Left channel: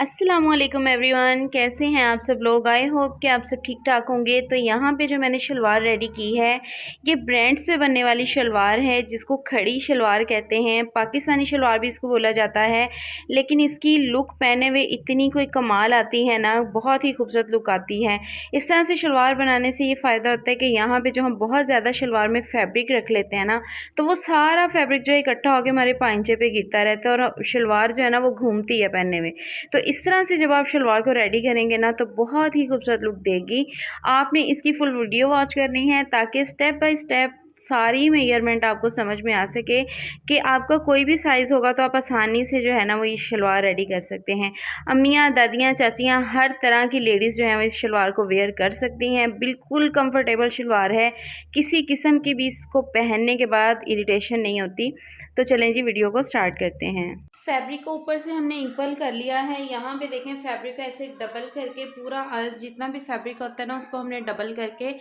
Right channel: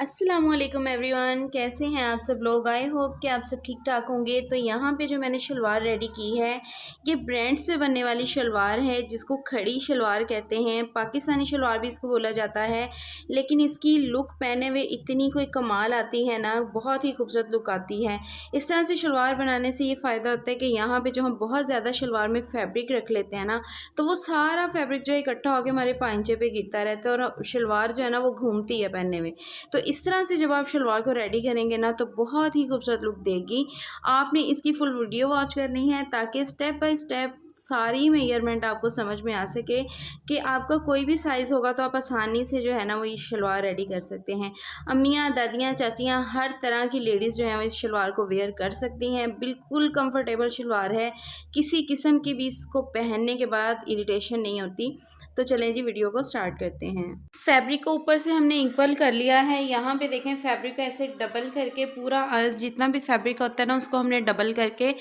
अस्सलामुअलैकुम एवरीवन, कैसे हैं आप सब लोग। आई होप कि आप सब ठीक ठाक होंगे। तो यहाँ पे जो मैंने शलवार रेडी की है, ये ब्रांड्स पे बनने वाली शलवार है जिसको खड़ी शलवार कहते हैं। पाकिस्तानी शलवार भी इसको बोला जाता है, लेकिन इसकी लुक पहने हुए इतनी कोई कमाल आती है ना, बहुत ही खूबसूरत लुक आती है। इस तरह से शलवार बनाने से ये फ़ायदा होता है कि यहाँ पर जो हम बहुत ज़्यादा शलवार में फ़ैब्रिक रख लेते हैं ना, तो वो सारा फैब्रिक जो है इकट्ठा होकर हमारे पांचे पे गिरता रहता है और शलवार जो है ना वो घूमती है पहनने में। तो इस तरह से जब आप शलवार को रेडी करेंगे ना, तो बहुत ही खूबसूरत लुक देगी। आपने इसकी फुल वीडियो वॉच करनी है ताकि स्टेप बाय स्टेप सारी मेजरमेंट आपको समझ में आ सके कि आपका कोई भी साइज़ होगा तो आप आसानी से जो है ना वो ये शलवार रेडी कर सकते हैं। अम्मियाँ, दादियाँ, चाचियाँ, हर तरह की लेडीज़ जो हैं वो इस शलवार को वेयर कर सकती हैं। बिल्कुल कंफर्टेबल शलवार है, किसी किस्म की भी इसको पहनने के बाद इरिटेशन नहीं होती। तो चलें जी, वीडियो को स्टार्ट करते हैं। फैब्रिक को ऊपर से हमने इक्वल कर लिया है। यहाँ पे देखें, फैब्रिक को ऐसे डबल करके पूरा जितना भी फैब्रिक होता है ना उसको हमने डबल करके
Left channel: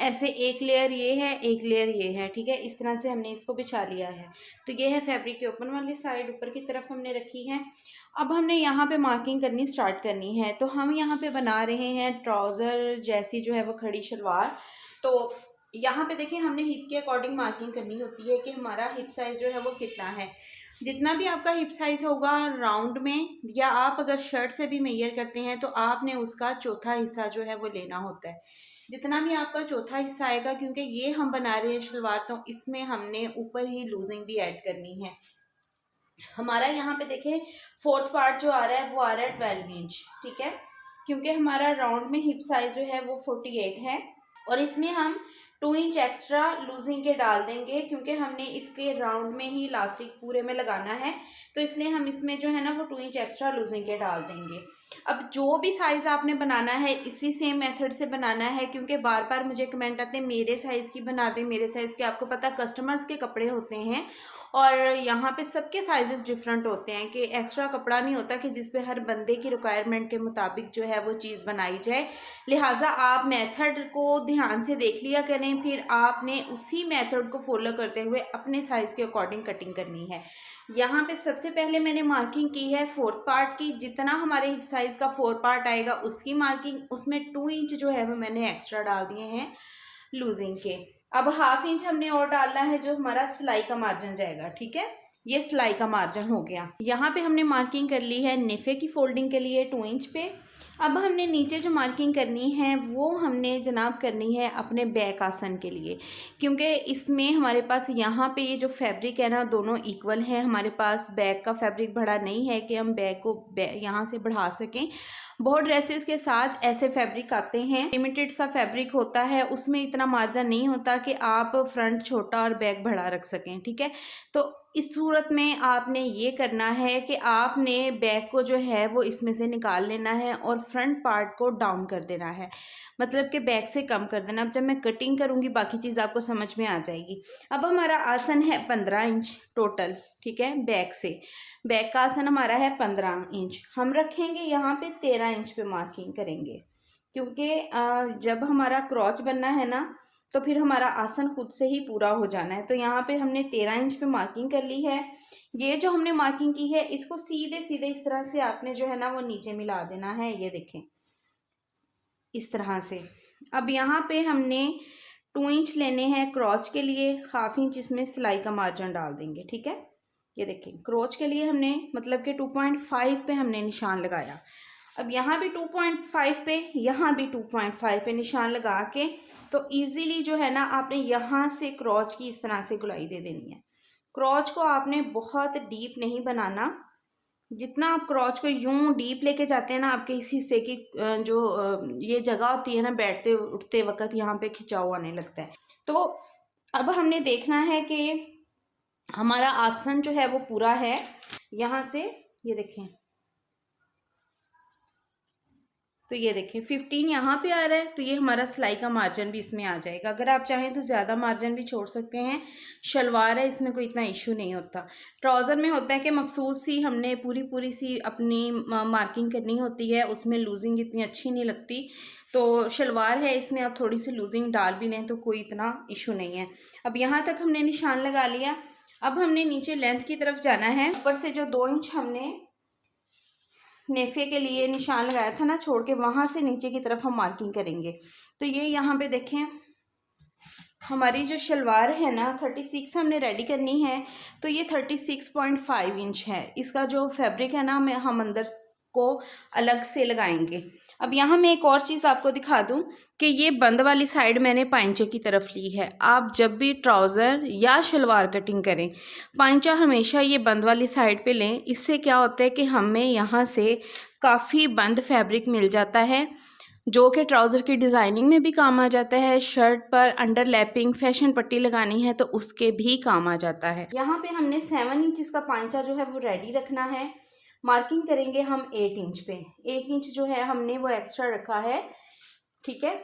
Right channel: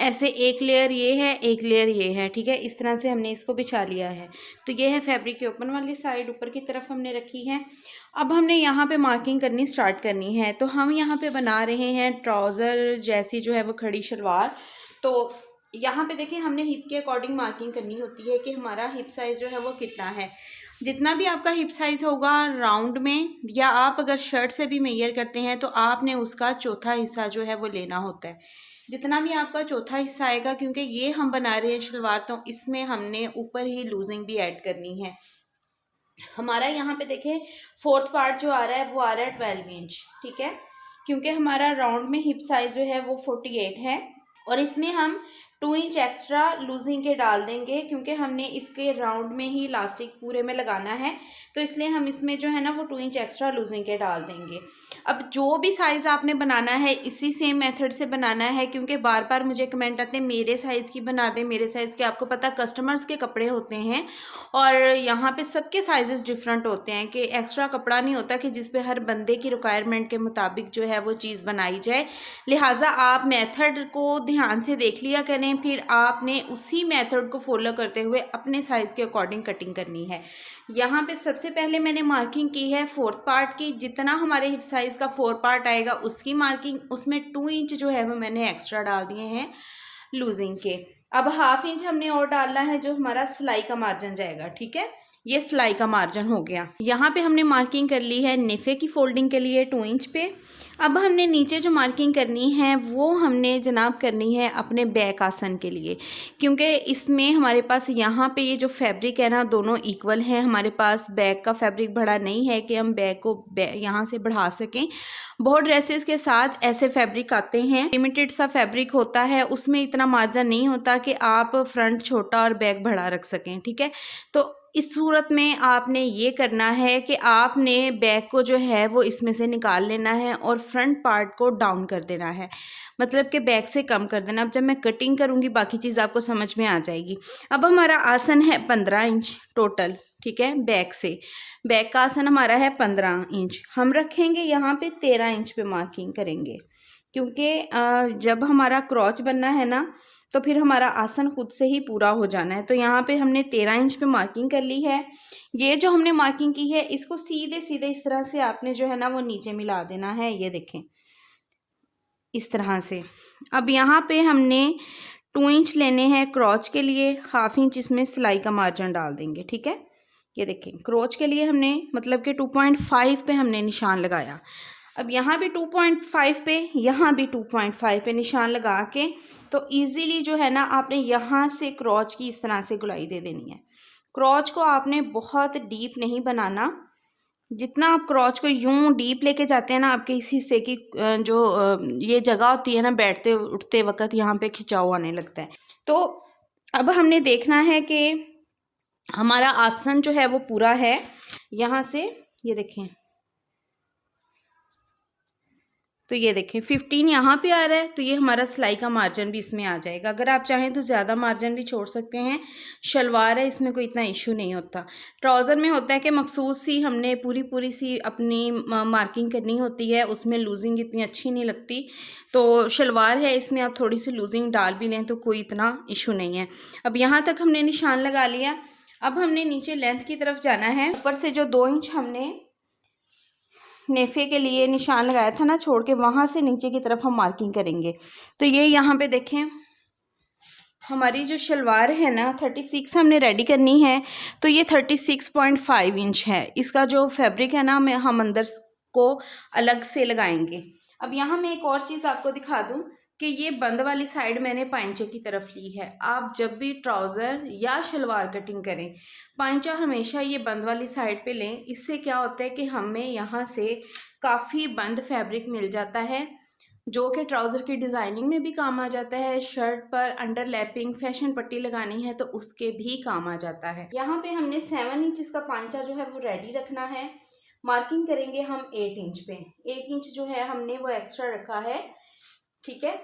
ऐसे एक लेयर ये है, एक लेयर ये है, ठीक है। इस तरह से हमने इसको बिछा लिया है। तो ये है फैब्रिक के ओपन वाली साइड, ऊपर की तरफ हमने रखी है। अब हमने यहाँ पे मार्किंग करनी स्टार्ट करनी है। तो हम यहाँ पे बना रहे हैं ट्राउज़र जैसी जो है वो खड़ी शलवार। तो यहाँ पे देखिए, हमने हिप के अकॉर्डिंग मार्किंग करनी होती है कि हमारा हिप साइज़ जो है वो कितना है। जितना भी आपका हिप साइज़ होगा राउंड में, या आप अगर शर्ट से भी मेजर करते हैं तो आपने उसका चौथा हिस्सा जो है वो लेना होता है। जितना भी आपका चौथा हिस्सा आएगा, क्योंकि ये हम बना रहे हैं शलवार, तो इसमें हमने ऊपर ही लूजिंग भी ऐड करनी है। हमारा यहाँ पे देखिए फोर्थ पार्ट जो आ रहा है वो आ रहा है 12 इंच, ठीक है। क्योंकि हमारा राउंड में हिप साइज़ जो है वो 48 है, और इसमें हम 2 इंच एक्स्ट्रा लूजिंग के डाल देंगे, क्योंकि हमने इसके राउंड में ही इलास्टिक पूरे में लगाना है। तो इसलिए हम इसमें जो है ना वो 2 इंच एक्स्ट्रा लूजिंग के डाल देंगे। अब जो भी साइज़ आपने बनाना है इसी सेम मेथड से बनाना है, क्योंकि बार बार मुझे कमेंट आते हैं मेरे साइज़ की बना दें, मेरे साइज़ के। आपको पता कस्टमर्स के कपड़े होते हैं और यहाँ पे सबके साइजेस डिफरेंट होते हैं, कि एक्स्ट्रा कपड़ा नहीं होता कि जिस पे हर बंदे की रिक्वायरमेंट के मुताबिक जो है वो चीज़ बनाई जाए। लिहाजा आप मेथड को ध्यान से देख लिया करें, फिर आपने उसी मेथड को फॉलो करते हुए अपने साइज़ के अकॉर्डिंग कटिंग करनी है। यहाँ पे सबसे पहले मैंने मार्किंग की है फोर्थ पार्ट की। जितना हमारे हिप साइज़ का फोर्थ पार्ट आएगा उसकी मार्किंग, उसमें 2 इंच जो है वो मैंने एक्स्ट्रा डाल दिए हैं लूजिंग के। अब हाफ इंच हमने और डालना है जो हमारा सिलाई का मार्जिन जाएगा, ठीक है। ये सिलाई का मार्जिन हो गया। यहाँ पे हमने मार्किंग कर ली है नेफे की फोल्डिंग के लिए 2 इंच पे। अब हमने नीचे जो मार्किंग करनी है वो हमने जनाब करनी है अपने बैक आसन के लिए, क्योंकि इसमें हमारे पास यहाँ पे ये जो फैब्रिक है ना दोनों इक्वल है। हमारे पास बैक का फैब्रिक बड़ा नहीं है कि हम बैक को यहाँ से बढ़ा सकें। बहुत ड्रेसेस के साथ ऐसे फैब्रिक आते हैं, लिमिटेड सा फैब्रिक होता है, उसमें इतना मार्जिन नहीं होता कि आप फ्रंट छोटा और बैक बड़ा रख सकें, ठीक है। तो इस सूरत में आपने ये करना है कि आपने बैक को जो है वो इसमें से निकाल लेना है और फ्रंट पार्ट को डाउन कर देना है, मतलब कि बैक से कम कर देना। अब जब मैं कटिंग करूँगी बाकी चीज़ आपको समझ में आ जाएगी। अब हमारा आसन है 15 इंच टोटल, ठीक है। बैक से बैक का आसन हमारा है 15 इंच। हम रखेंगे यहाँ पे 13 इंच पे मार्किंग करेंगे, क्योंकि जब हमारा क्रॉच बनना है ना तो फिर हमारा आसन खुद से ही पूरा हो जाना है। तो यहाँ पे हमने 13 इंच पे मार्किंग कर ली है। ये जो हमने मार्किंग की है इसको सीधे सीधे इस तरह से आपने जो है ना वो नीचे मिला देना है, ये देखें इस तरह से। अब यहाँ पे हमने 2 इंच लेने हैं क्रॉच के लिए, हाफ इंच इसमें सिलाई का मार्जिन डाल देंगे, ठीक है। ये देखें क्रॉच के लिए हमने मतलब कि 2.5 पे हमने निशान लगाया। अब यहाँ भी 2.5 पे, यहाँ भी 2.5 पे निशान लगा के तो इजीली जो है ना आपने यहाँ से क्रॉच की इस तरह से गुलाई दे देनी है। क्रॉच को आपने बहुत डीप नहीं बनाना। जितना आप क्रॉच को यूं डीप लेके जाते हैं ना, आपके इस हिस्से की ये जगह होती है ना बैठते उठते वक्त, यहाँ पे खिंचाव आने लगता है। तो अब हमने देखना है कि हमारा आसन जो है वो पूरा है। यहाँ से ये देखें, तो ये देखें 15 यहाँ पे आ रहा है, तो ये हमारा सिलाई का मार्जिन भी इसमें आ जाएगा। अगर आप चाहें तो ज़्यादा मार्जिन भी छोड़ सकते हैं। शलवार है, इसमें कोई इतना इशू नहीं होता। ट्राउज़र में होता है कि मखसूस सी हमने पूरी सी अपनी मार्किंग करनी होती है, उसमें लूजिंग इतनी अच्छी नहीं लगती। तो शलवार है, इसमें आप थोड़ी सी लूजिंग डाल भी लें तो कोई इतना इशू नहीं है। अब यहाँ तक हमने निशान लगा लिया। अब हमने नीचे लेंथ की तरफ जाना है। ऊपर से जो 2 इंच हमने नेफे के लिए निशान लगाया था ना छोड़ के, वहाँ से नीचे की तरफ हम मार्किंग करेंगे। तो ये यहाँ पे देखें हमारी जो शलवार है ना 36 हमने रेडी करनी है। तो ये 36.5 इंच है। इसका जो फैब्रिक है ना हम अंदर को अलग से लगाएंगे। अब यहाँ मैं एक और चीज़ आपको दिखा दूँ कि ये बंद वाली साइड मैंने पाइंचे की तरफ ली है। आप जब भी ट्राउज़र या शलवार कटिंग करें, पाइंचा हमेशा ये बंद वाली साइड पे लें। इससे क्या होता है कि हमें यहाँ से काफ़ी बंद फैब्रिक मिल जाता है, जो कि ट्राउज़र की डिज़ाइनिंग में भी काम आ जाता है। शर्ट पर अंडर लैपिंग फैशन पट्टी लगानी है तो उसके भी काम आ जाता है। यहाँ पे हमने 7 इंच का पांचा जो है वो रेडी रखना है। मार्किंग करेंगे हम 8 इंच पे। 1 इंच जो है हमने वो एक्स्ट्रा रखा है, ठीक है,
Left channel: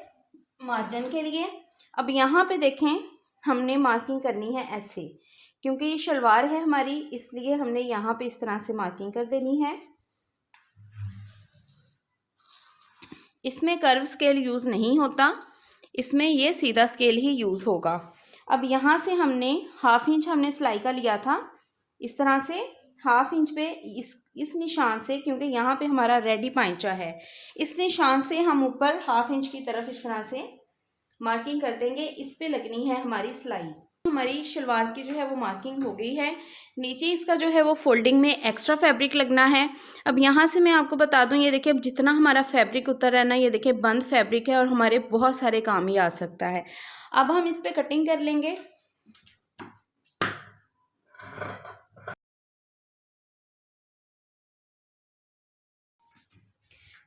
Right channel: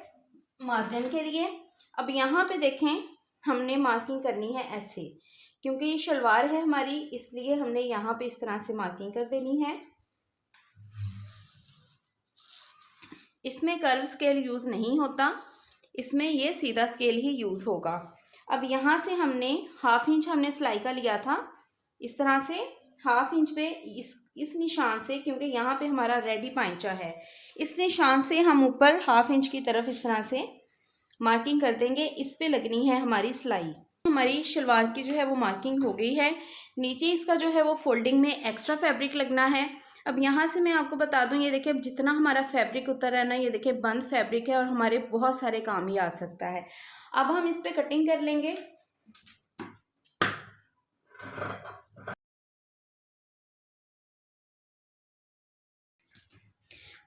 मार्जिन के लिए। अब यहाँ पे देखें हमने मार्किंग करनी है ऐसे, क्योंकि ये शलवार है हमारी, इसलिए हमने यहाँ पे इस तरह से मार्किंग कर देनी है। इसमें कर्व स्केल यूज़ नहीं होता, इसमें ये सीधा स्केल ही यूज़ होगा। अब यहाँ से हमने हाफ इंच हमने सिलाई का लिया था, इस तरह से हाफ इंच पे इस निशान से, क्योंकि यहाँ पे हमारा रेडी पांचा है, इस निशान से हम ऊपर हाफ इंच की तरफ इस तरह से मार्किंग कर देंगे। इस पे लगनी है हमारी सिलाई। हमारी शलवार की जो है वो मार्किंग हो गई है। नीचे इसका जो है वो फोल्डिंग में एक्स्ट्रा फैब्रिक लगना है। अब यहाँ से मैं आपको बता दूँ, ये देखिए अब जितना हमारा फैब्रिक उतर है ना, ये देखिए बंद फैब्रिक है और हमारे बहुत सारे काम ही आ सकता है। अब हम इस पे कटिंग कर लेंगे।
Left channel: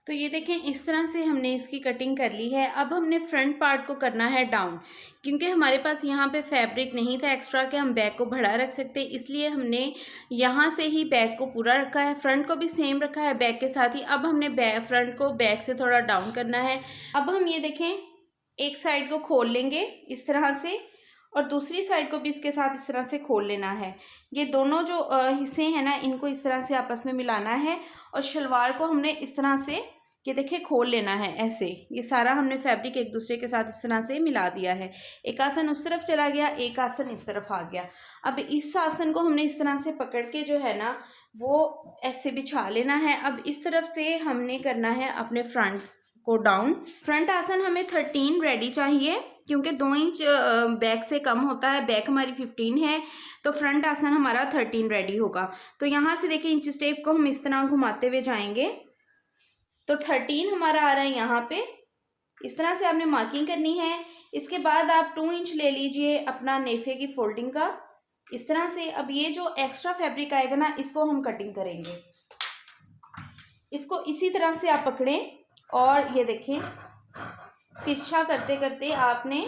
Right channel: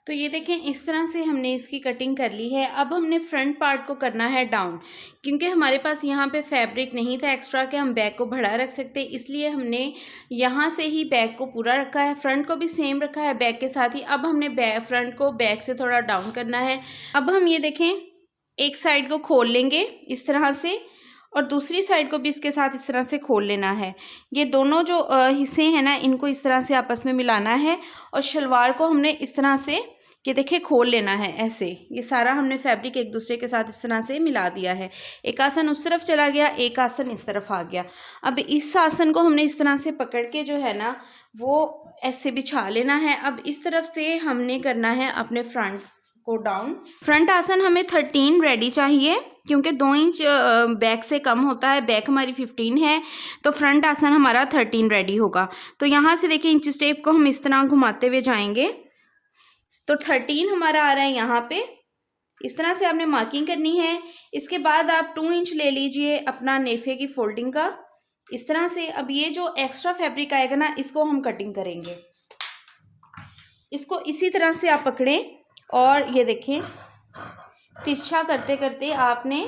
तो ये देखें इस तरह से हमने इसकी कटिंग कर ली है। अब हमने फ्रंट पार्ट को करना है डाउन, क्योंकि हमारे पास यहाँ पे फैब्रिक नहीं था एक्स्ट्रा कि हम बैक को बढ़ा रख सकते, इसलिए हमने यहाँ से ही बैक को पूरा रखा है। फ्रंट को भी सेम रखा है बैक के साथ ही। अब हमने फ्रंट को बैक से थोड़ा डाउन करना है। अब हम ये देखें एक साइड को खोल लेंगे इस तरह से, और दूसरी साइड को भी इसके साथ इस तरह से खोल लेना है। ये दोनों जो हिस्से हैं ना, इनको इस तरह से आपस में मिलाना है और शलवार को हमने इस तरह से ये देखिए खोल लेना है ऐसे। ये सारा हमने फैब्रिक एक दूसरे के साथ इस तरह से मिला दिया है। एक आसन उस तरफ चला गया, एक आसन इस तरफ आ गया। अब इस आसन को हमने इस तरह से पकड़ के जो है ना वो ऐसे बिछा लेना है। अब इस तरफ से हमने करना है अपने फ्रंट को डाउन। फ्रंट आसन हमें 13 रेडी चाहिए, क्योंकि 2 इंच बैक से कम होता है। बैक हमारी 15 है, तो फ्रंट आसन हमारा 13 रेडी होगा। तो यहाँ से देखिए इंच टेप को हम इस तरह घुमाते हुए जाएंगे, तो 13 हमारा आ रहा है यहाँ पे। इस तरह से आपने मार्किंग करनी है। इसके बाद आप 2 इंच ले लीजिए अपना नेफे की फोल्डिंग का, इस तरह से। अब ये जो एक्स्ट्रा फैब्रिक आएगा ना, इसको हम कटिंग करेंगे। इसको इसी तरह से आप पकड़ें और ये देखें तिरछा करते करते आपने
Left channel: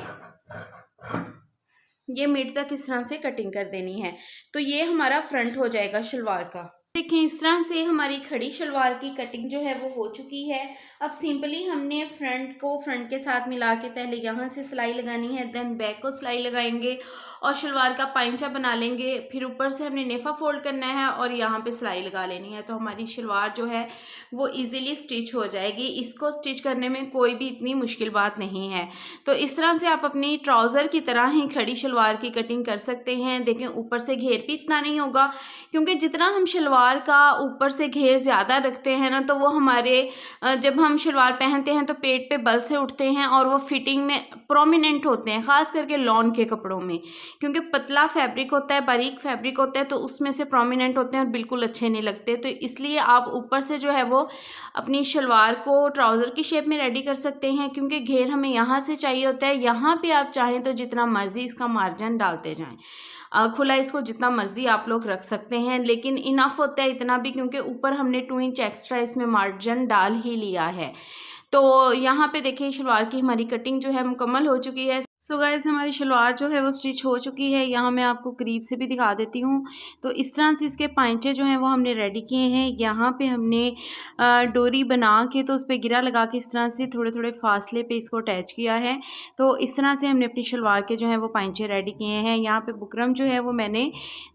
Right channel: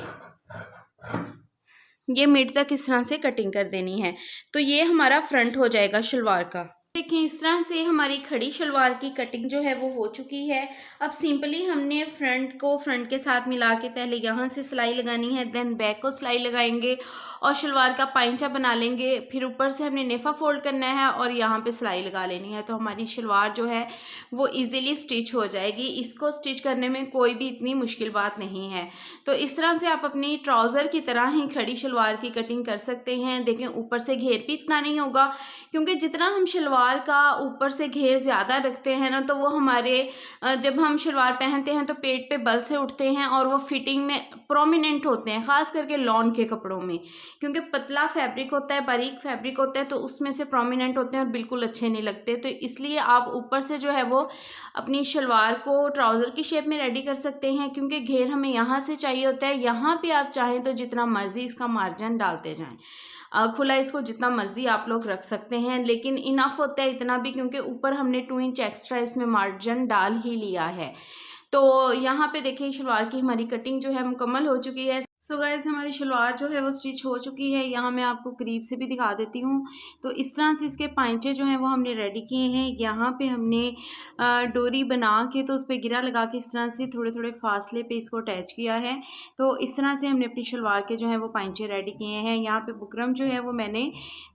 ये मिड तक इस तरह से कटिंग कर देनी है। तो ये हमारा फ्रंट हो जाएगा शलवार का। देखें इस तरह से हमारी खड़ी शलवार की कटिंग जो है वो हो चुकी है। अब सिंपली हमने फ्रंट को फ्रंट के साथ मिला के पहले यहाँ से सिलाई लगानी है, देन बैक को सिलाई लगाएंगे और शलवार का पाइंचा बना लेंगे। फिर ऊपर से हमने नेफा फोल्ड करना है और यहाँ पे सिलाई लगा लेनी है। तो हमारी शलवार जो है वो इजीली स्टिच हो जाएगी। इसको स्टिच करने में कोई भी इतनी मुश्किल बात नहीं है। तो इस तरह से आप अपनी ट्राउज़र की तरह ही खड़ी शलवार की कटिंग कर सकते हैं। देखें ऊपर से घेर भी इतना नहीं होगा, क्योंकि जितना हम शलवार का ऊपर से घेर ज़्यादा रखते हैं ना, तो वो हमारे जब हम शलवार पहनते हैं तो पेट पे बल से उठते हैं और वो फिटिंग में प्रोमिनेंट होते हैं, ख़ास करके लॉन के कपड़ों में, क्योंकि पतला फैब्रिक होता है, बारीक फैब्रिक होता है, तो उसमें से प्रोमिनेंट होते हैं और बिल्कुल अच्छे नहीं लगते। तो इसलिए आप ऊपर से जो है वो अपनी शलवार को ट्राउज़र की शेप में रेडी कर सकते हैं, क्योंकि घेर हमें यहाँ से चाहिए होता है। यहाँ पे आप चाहें तो जितना मर्ज़ी इसका मार्जिन डालते जाएं, खुला इसको जितना मर्जी आप लोग रख सकते हैं, लेकिन इनफ होता है इतना भी, क्योंकि ऊपर हमने 2 इंच एक्स्ट्रा इसमें मार्जिन डाल ही लिया है। तो यहाँ पे देखिए शलवार की हमारी कटिंग जो है मुकम्मल हो चुकी है। सो गाइस हमारी शलवार जो है वो स्टिच हो चुकी है। यहाँ मैं आपको करीब से भी दिखा देती हूँ। तो इस तरह से इसके पांचे जो हैं वो हमने रेडी किए हैं। यहाँ पे हमने डोरी बना के तो उस पर गिरा लगा के इस तरह से थोड़े थोड़े फासले पे इसको अटैच किया है। तो इस तरह से हमने अपनी शलवार के जो है वो पांचे रेडी किए हैं। यहाँ पे बुकरम जो है वो मैंने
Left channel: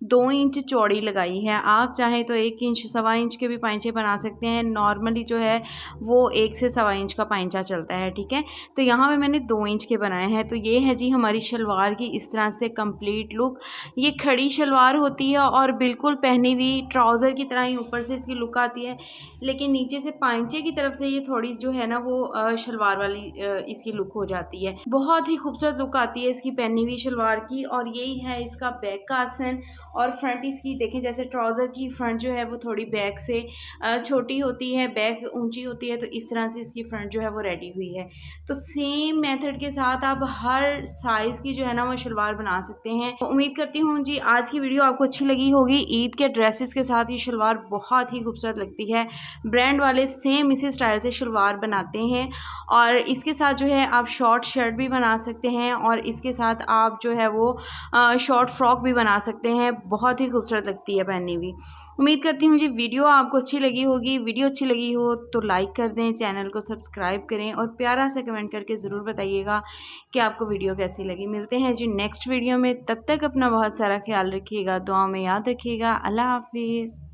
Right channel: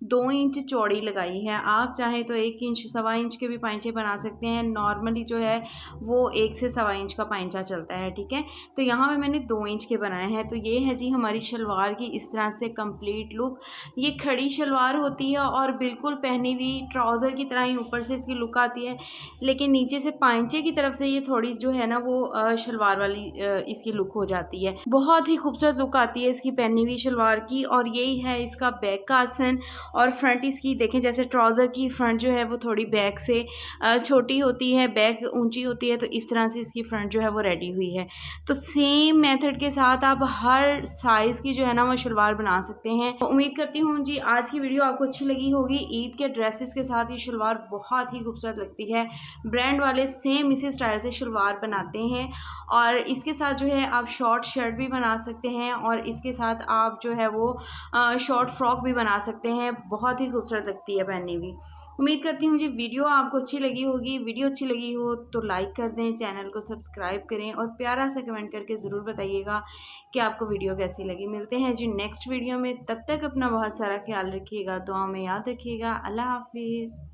2 इंच चौड़ी लगाई है। आप चाहें तो 1 इंच 1.25 इंच के भी पांचे बना सकते हैं। नॉर्मली जो है वो 1 से 1.25 इंच का पांचा चलता है, ठीक है। तो यहाँ पर मैंने 2 इंच के बनाए हैं। तो ये है जी हमारी शलवार की इस तरह से कंप्लीट लुक। ये खड़ी शलवार होती है और बिल्कुल पहनी हुई ट्राउज़र की तरह ही ऊपर से इसकी लुक आती है, लेकिन नीचे से पांचे की तरफ से ये थोड़ी जो है ना वो शलवार वाली इसकी लुक हो जाती है। बहुत ही खूबसूरत लुक आती है इसकी पहनी हुई शलवार की। और यही है इसका बैक का आसन। और फ्रंट इसकी देखें, जैसे ट्राउज़र की फ्रंट जो है वो थोड़ी बैक से छोटी होती है, बैक ऊंची होती है, तो इस तरह से इसकी फ्रंट जो है वो रेडी हुई है। तो सेम मेथड के साथ आप हर साइज़ की जो है ना वो शलवार बना सकते हैं। तो उम्मीद करती हूँ जी आज की वीडियो आपको अच्छी लगी होगी। ईद के ड्रेसेस के साथ ये शलवार बहुत ही खूबसूरत लगती है। ब्रांड वाले सेम इसी स्टाइल से शलवार बनाते हैं और इसके साथ जो है आप शॉर्ट शर्ट भी बना सकते हैं और इसके साथ आप जो है वो शॉर्ट फ्रॉक भी बना सकते हैं। बहुत ही खूबसूरत लगती है पहनी हुई। उम्मीद करती हूँ जी वीडियो आपको अच्छी लगी होगी। वीडियो अच्छी लगी हो तो लाइक कर दें, चैनल को सब्सक्राइब करें और प्यारा सा कमेंट करके ज़रूर बताइएगा कि आपको वीडियो कैसी लगी। मिलते हैं जी नेक्स्ट वीडियो में, तब तक अपना बहुत सारा ख्याल रखिएगा, दुआ में याद रखिएगा। अल्लाह हाफिज़।